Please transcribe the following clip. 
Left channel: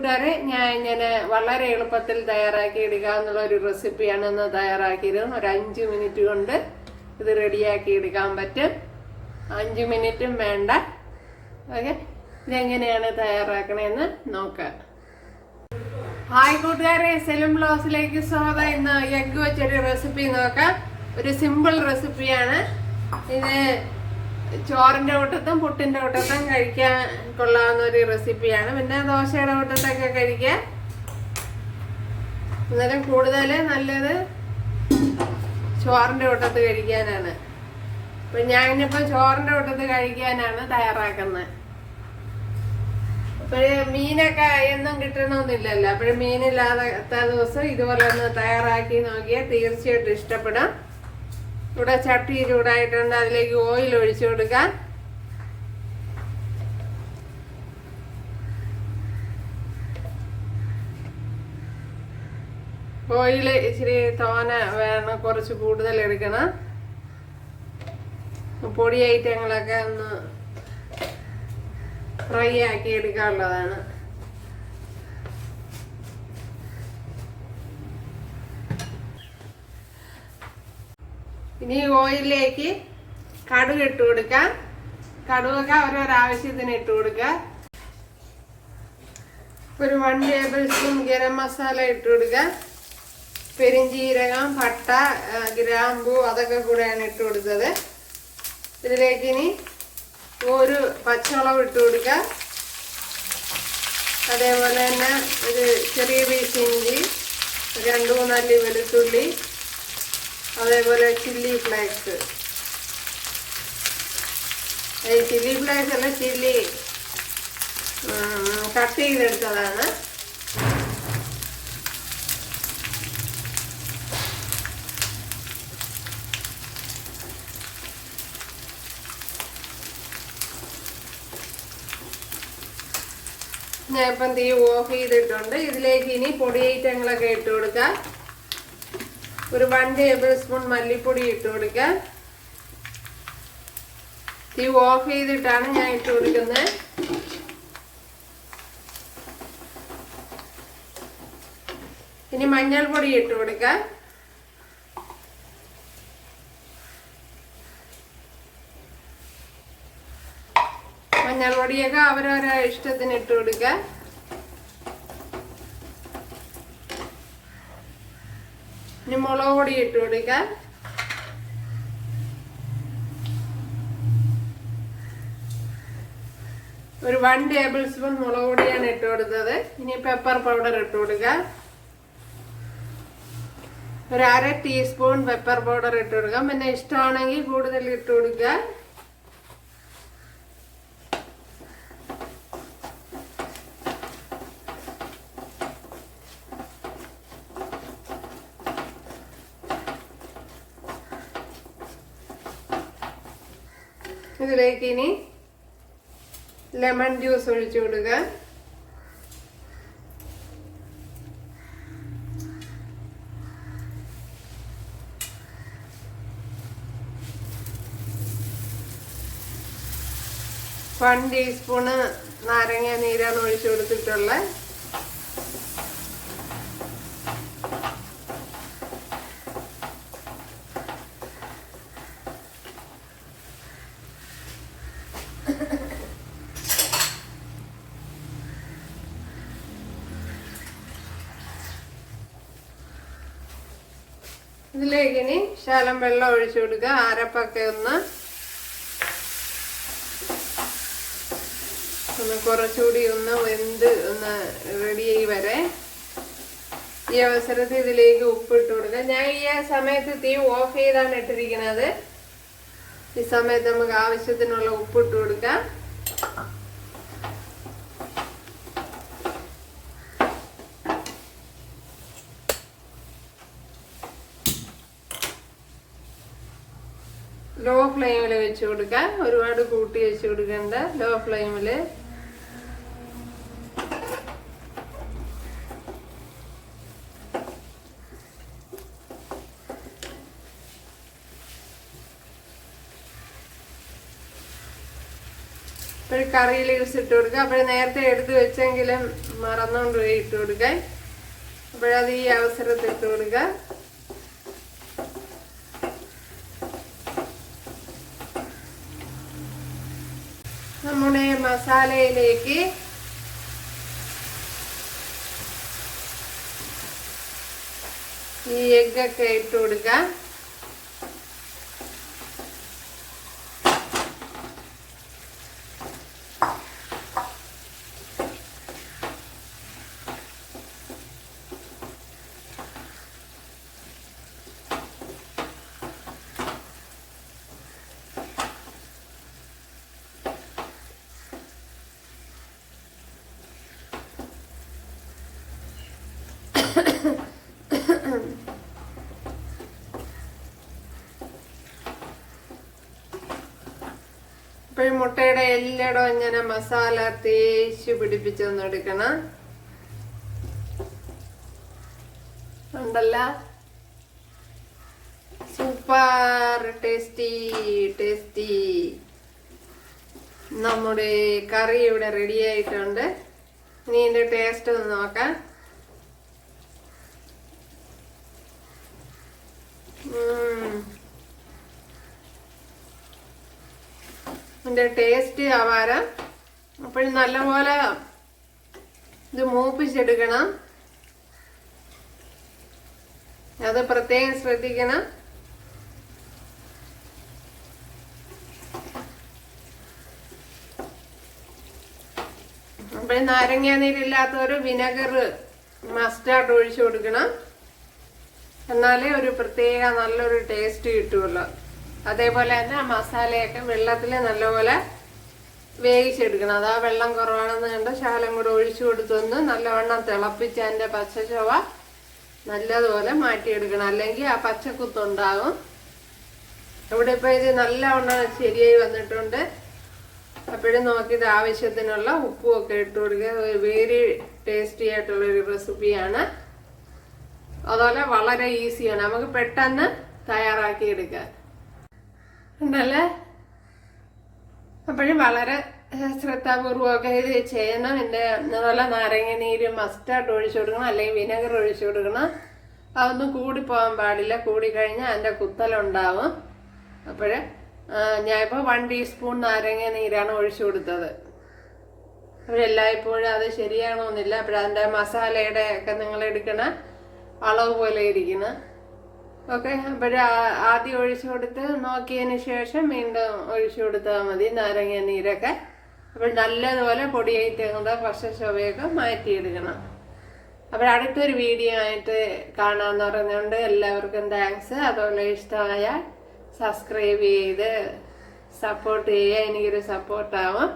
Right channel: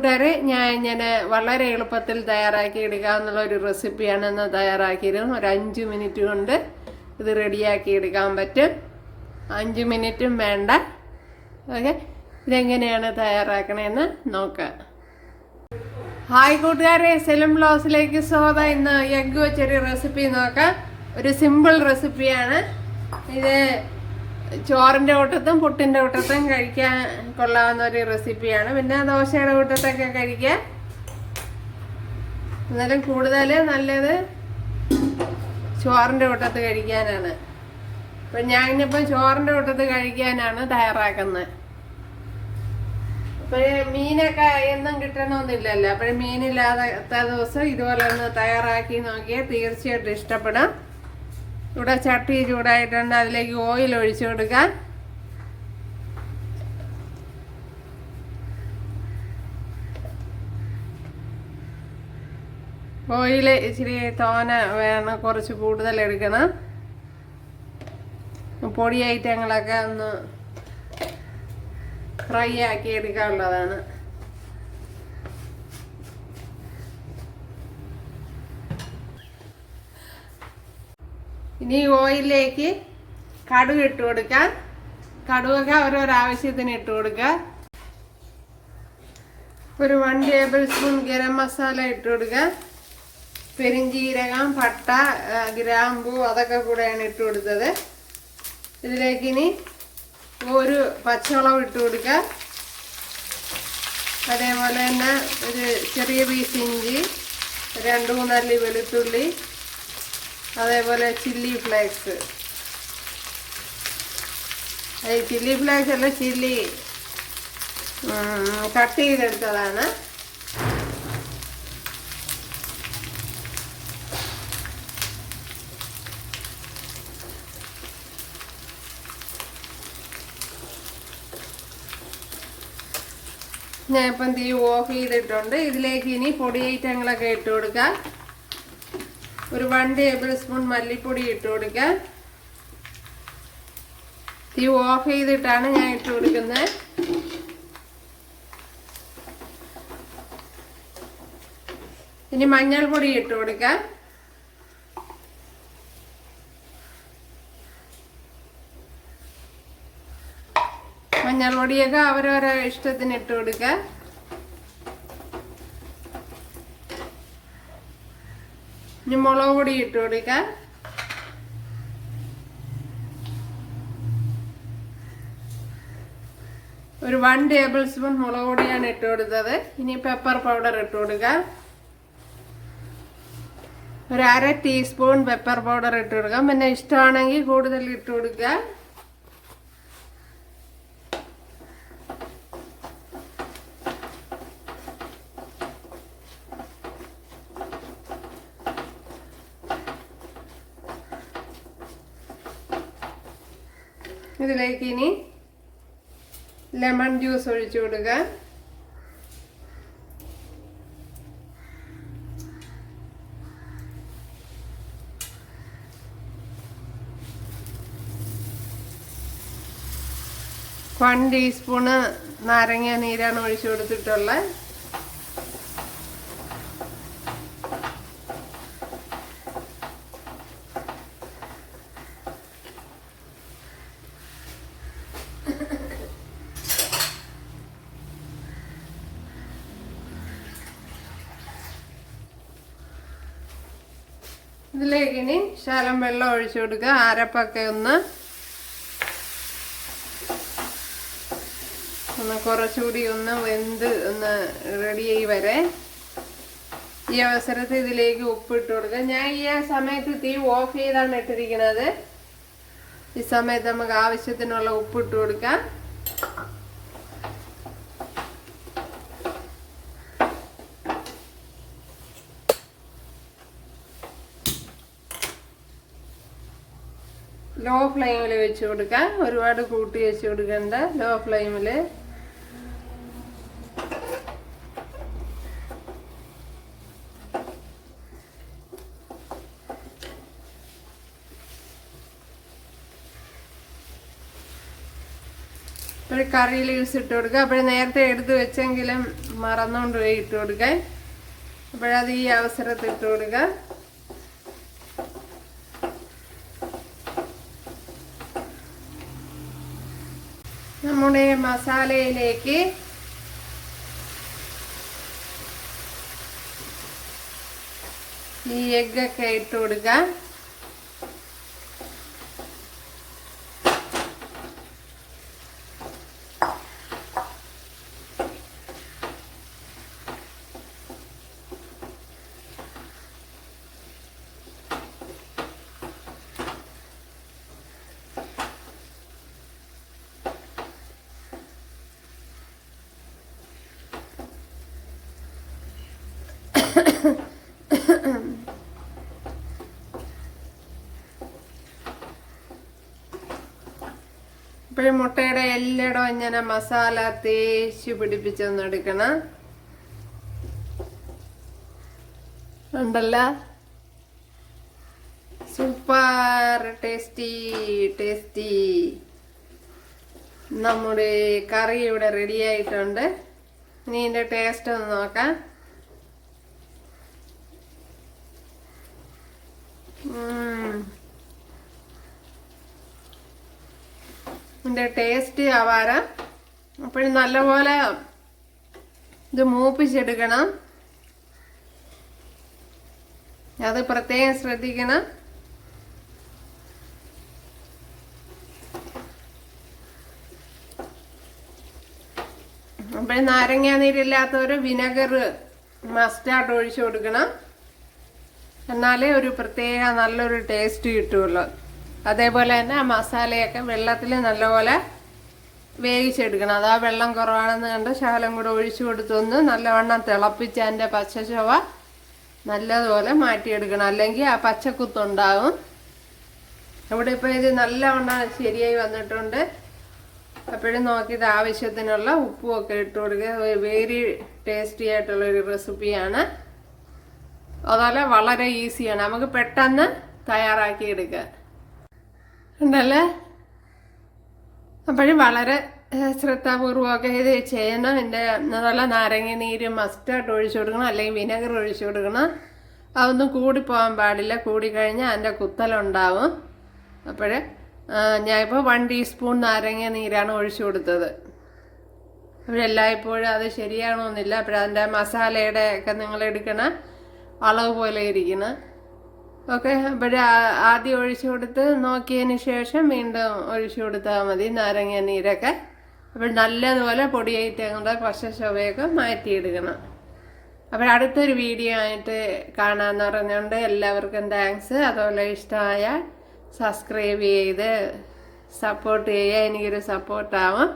കൂട്ടുകാരെ ഞാൻ ഇങ്ങനെ വളരെ എളുപ്പത്തിൽ തയ്യാറാക്കി എടുക്കാവുന്ന ഒരു റെസിപ്പിയാണ് ഇന്ന് തയ്യാറാക്കിയിരുന്നു ഒരു അഞ്ച് മിനിറ്റ് കൊണ്ട് ഇത് റെഡിയാക്കി എടുക്കാൻ പറ്റും. അഞ്ച് മിനിറ്റും വേണ്ട. ഓക്കെ? ഇതെങ്ങനെയാണ് തയ്യാറാക്കണേന്ന് നോക്കാം. ഹായ് കൂട്ടുകാരെ സെലും ബ്ലൗസിലേക്ക് സ്വാഗതം. ഇന്ന് എഗ് വെച്ചൊരു റെസിപ്പി നോക്കാം. ഒരു സിമ്പിൾ റെസിപ്പിയാണ്. ഇത് ചോറിന്റെ കൂട്ടത്തും പുട്ടിന്റെ കൂട്ടത്തും കഴിക്കാൻ കൊള്ളാവുന്ന ഒരു റെസിപ്പിയാണ്. പിന്നെ ദോശയുടെ കൂട്ടത്തൊക്കെ കഴിക്കാം എന്നാലും കൂടുതൽ നല്ലത് ചോറിന്റെ കൂട്ടത്ത് കഴിക്കാനാണ്. അപ്പം ഞാനിപ്പോൾ ചോറിന്റെ കൂട്ടത്ത് കഴിക്കാനാണ് തയ്യാറാക്കുന്നത്. അപ്പോഴേ മീനൊക്കെ എന്നും കിട്ടണമെന്നില്ലല്ലോ അപ്പോഴും മീനില്ലാത്ത ദിവസം ഇതുപോലെ ഒന്ന് തയ്യാറാക്കി നോക്കിയാൽ തീർച്ചയായിട്ടും ഇഷ്ടപ്പെടും. ഇവിടെ ചട്ടി ചൂടായിട്ടുണ്ട്. അതിലേക്ക് ഓയിൽ ഒഴിച്ചു കൊടുക്കാൻ. ഓയിൽ ഇച്ചിരി തോന വേണം കുറച്ച് കൂടുതൽ എടുക്കണം. പൊടി ഐറ്റങ്ങളൊക്കെ ഒന്ന് ഫ്രൈ ആക്കി എടുക്കാനുള്ളതാണ്. ഇനി ഓയിലിലേക്ക് കടുക് ഇട്ട് കൊടുക്കാം. കടുകൊക്കെ ഓരോരോ ആവശ്യത്തിന് ഇട്ട് കൊടുക്കുക. ഒരു one table spoon garam masala ഇട്ട് കൊടുക്കുക. പെരിഞ്ചീരകം പട്ട ഗ്രാമ്പു അതൊക്കെ കൂടെയാണ് ഇട്ട് കൊടുത്തത്. ഇതിലേക്ക് ഇനി ഒരു പച്ചമുളക് ഇട്ട് കൊടുക്കുക. അതേപോലെ തന്നെ ഒരു ചെറിയ പീസ് ഇഞ്ചി രണ്ട് മൂന്നല്ലി വെളുത്തുള്ളി അതേപോലെ ചില്ലി ഫ്ലേക്സ് ഈ ചില്ലി ഫ്ലേക്സ് അല്ല ചില്ലി കട്ട് ചെയ്തെടുത്തതാണ്. ഞാൻ ഇപ്പം തീ ഓഫ് ചെയ്തിട്ടുണ്ട്. ഇതിലേക്ക് ഇനി പൊടി ഐറ്റങ്ങളൊക്കെ ഇട്ട് കൊടുക്കാം. ഒരു വൺ ടേബിൾ സ്പൂൺ മല്ലിപ്പൊടി ഇട്ട് കൊടുക്കാം തീ ഓഫ് ചെയ്തിട്ടാണ് ഞാൻ ഇട്ട് കൊടുക്കുന്നത്. ഇനി മഞ്ഞൾപ്പൊടി ഇട്ട് കൊടുക്കാം മഞ്ഞൾപ്പൊടിയൊക്കെ അവരവരെ ഇഷ്ടത്തിന് ഇട്ട് കൊടുക്കാം ഇനി മുളക് പൊടി ഇട്ട് കൊടുക്കാം. ഒരു വൺ ടേബിൾ സ്പൂൺ മുളക് പൊടിയാണ് ഇട്ട് കൊടുത്തത്. ഇനി പെപ്പർ പൗഡർ ഇട്ട് കൊടുക്കുക ഒരു അര ടീസ്പൂൺ പെപ്പർ പൗഡർ ഇട്ട് കൊടുക്കാം. പിന്നെ ഇഷ്ടമാണെങ്കിൽ കൂടുതൽ ഇട്ട് കൊടുക്കുക ഇതിലേക്ക് ഇനി ലെമൺ ജ്യൂസ് ഒഴിച്ചു കൊടുക്കുക വൺ ടീസ്പൂണ് നാരങ്ങ നീരാണ് ഒഴിച്ചു കൊടുത്തിട്ടുള്ളത്. ഇതിലേക്ക് ഇനി ശകലം വെള്ളം ഒഴിച്ചു കൊടുക്കുക. അരപ്പൊക്കെ ഒന്ന് ഒന്ന് കുറച്ചുകൂടി ഒന്ന് വെന്ത് ഒന്ന് റെഡിയായി വരെ. ഈ അവസരത്തിൽ ഇതിലേക്ക് ഉപ്പിട്ട് കൊടുക്കുക. ഞാൻ ഈ സമയത്ത് തീ ഓഫ് ചെയ്താണ് ഇട്ടിരിക്കുന്നത്. ഈ സമയത്ത് നമുക്ക് ആവശ്യത്തിനുള്ള ഉപ്പിട്ട് കൊടുക്കാം. ലോ ഫ്ലെയിമിൽ വെച്ച് കൊടുക്കാം ഒരുപാട് കൂട്ടി വെച്ച് കൊടുക്കണ്ട. ലോ ഫ്ലെയിമിൽ ഒരു കറി ലീവ്സ് ഇട്ട് കൊടുക്കുക അപ്പോൾ നേരത്തെ എടുത്ത് വെച്ചെങ്കിലും മറന്നുകൊണ്ട് പോയി ഇട്ട് കൊടുക്കാൻ. അപ്പോഴത് ഈ അവസരത്തിൽ ഇട്ട് കൊടുക്കുക നമ്മുടെ മസാലയിലേക്ക് ഈ എഗ്ഗൊക്കെ ഇട്ട് കൊടുക്കുക ഇപ്പോഴും മുട്ടയുടെ എല്ലായിടവും ഇങ്ങനെ മസാല തേച്ച് പിടിപ്പിച്ചൊന്ന് എടുക്കണം. ഉണ്ടല്ല? Super tasty tasty. നമ്മുടെ കറി ഇവിടെ റെഡി ആയിട്ടുണ്ട്. ഇനി ഇതിന്റെ ടേസ്റ്റ് ഒന്ന് നോക്കാം. ഉം. ഇതിന്റെ ടേസ്റ്റ് ആവാരം. അപ്പോഴും നല്ലപോലെ ഇത് മൂപ്പിച്ചെടുക്കണം. അത് പ്രത്യേകം ശ്രദ്ധിക്കണം. അപ്പോഴും നാരങ്ങ നീരില്ലാത്തവര് വിനെഗർ മസ്റ്റാർഡ് ഒഴിച്ചു കൊടുക്കണം. എന്നാലേ ഒരു പ്രത്യേക നല്ലൊരു ടേസ്റ്റ് കിട്ടുള്ളൂ. അതേപോലെ തന്നെ മസാലയൊക്കെ വെള്ളത്തിൽ നല്ലപോലെ വേവിച്ചെടുക്കണം. അത് ആ വെള്ളം കുറവാണെന്ന് കണ്ട് ശകലം കൂടെ ഒഴിച്ചു കൊടുത്തൊന്ന് നല്ലവണ്ണം തിളപ്പിച്ച് അതിന്റെ പച്ചച്ചവ നല്ലതുപോലെ മാറ്റിയെടുക്കണം. അല്ലെങ്കിൽ ആ പച്ചക്കുത്തുണ്ടാവും. ഇവിടെ ഇപ്പോൾ ഇത് നല്ലവണ്ണം ശരിയായി വന്നിട്ടുണ്ട്. അപ്പോഴും നോക്കിയത് ആവശ്യത്തിനുള്ള ഉപ്പും ഒക്കെ ഇട്ട് കൊടുക്കുക. വെരി ടേസ്റ്റി ആയിട്ടുള്ളൊരു റെസിപ്പിയാണ് അതുപോലെ വളരെ ഈസിയാണ്. നമുക്ക് പെട്ടെന്ന് തയ്യാറാക്കി എടുക്കുക ഉണ്ടല്ലേ? അപ്പോഴും വളരെ ശ്രദ്ധാപൂർവമൊക്കെ ഇത് ചെയ്യണം. എന്റെ അതുപോലെ നാരങ്ങ നീര് മസ്റ്റാർഡ് ഒഴിച്ചു കൊടുക്കണം അല്ലെങ്കിൽ വിനെഗർ ഒഴിച്ചു കൊടുക്കണം. അതൊന്നും കൂടിപ്പോകാൻ പാടില്ല. കൂടിക്കഴിഞ്ഞാൽ അതിന്റെ കുത്തലുണ്ടാവും. അപ്പോൾ ഞാനിപ്പോൾ വൺ ടീസ്പൂൺ നാരങ്ങ നീരാണ് ഒഴിച്ചു കൊടുത്തത്. അപ്പോഴെല്ലായ്പ്പോഴും അത് ശരിയാണോന്നില്ല. അപ്പോഴതിന്റെ മസാലയുടെ ഒക്കെ നിങ്ങൾ എടുക്കണ. അളവ് പോലെ ഇരിക്കുന്നത് ഓക്കെ അപ്പോൾ ആദ്യം ഒഴിച്ചു കൊടുത്ത് നോക്കിയതിന് ശേഷം വീണ്ടും ഒഴിച്ചു കൊടുത്താൽ മതി നാരങ്ങ നീരൊക്കെ. അപ്പോൾ നല്ലതുപോലെ പൊടിയായിട്ട് കുറച്ച് ചൊവയൊക്കെ മാറ്റിയെടുക്കണം. അപ്പോൾ അടുത്തൊരു വീഡിയോ ആയിട്ട് കാണാമെന്ന് പറഞ്ഞുകൊണ്ട് എല്ലാവർക്കും താങ്ക്സ്. അതുപോലെ ഇഷ്ടമായ സബ്സ്ക്രൈബ് ചെയ്ത് സപ്പോർട്ട് ചെയ്യുക. എനിക്കൊരു സപ്പോർട്ടാവും.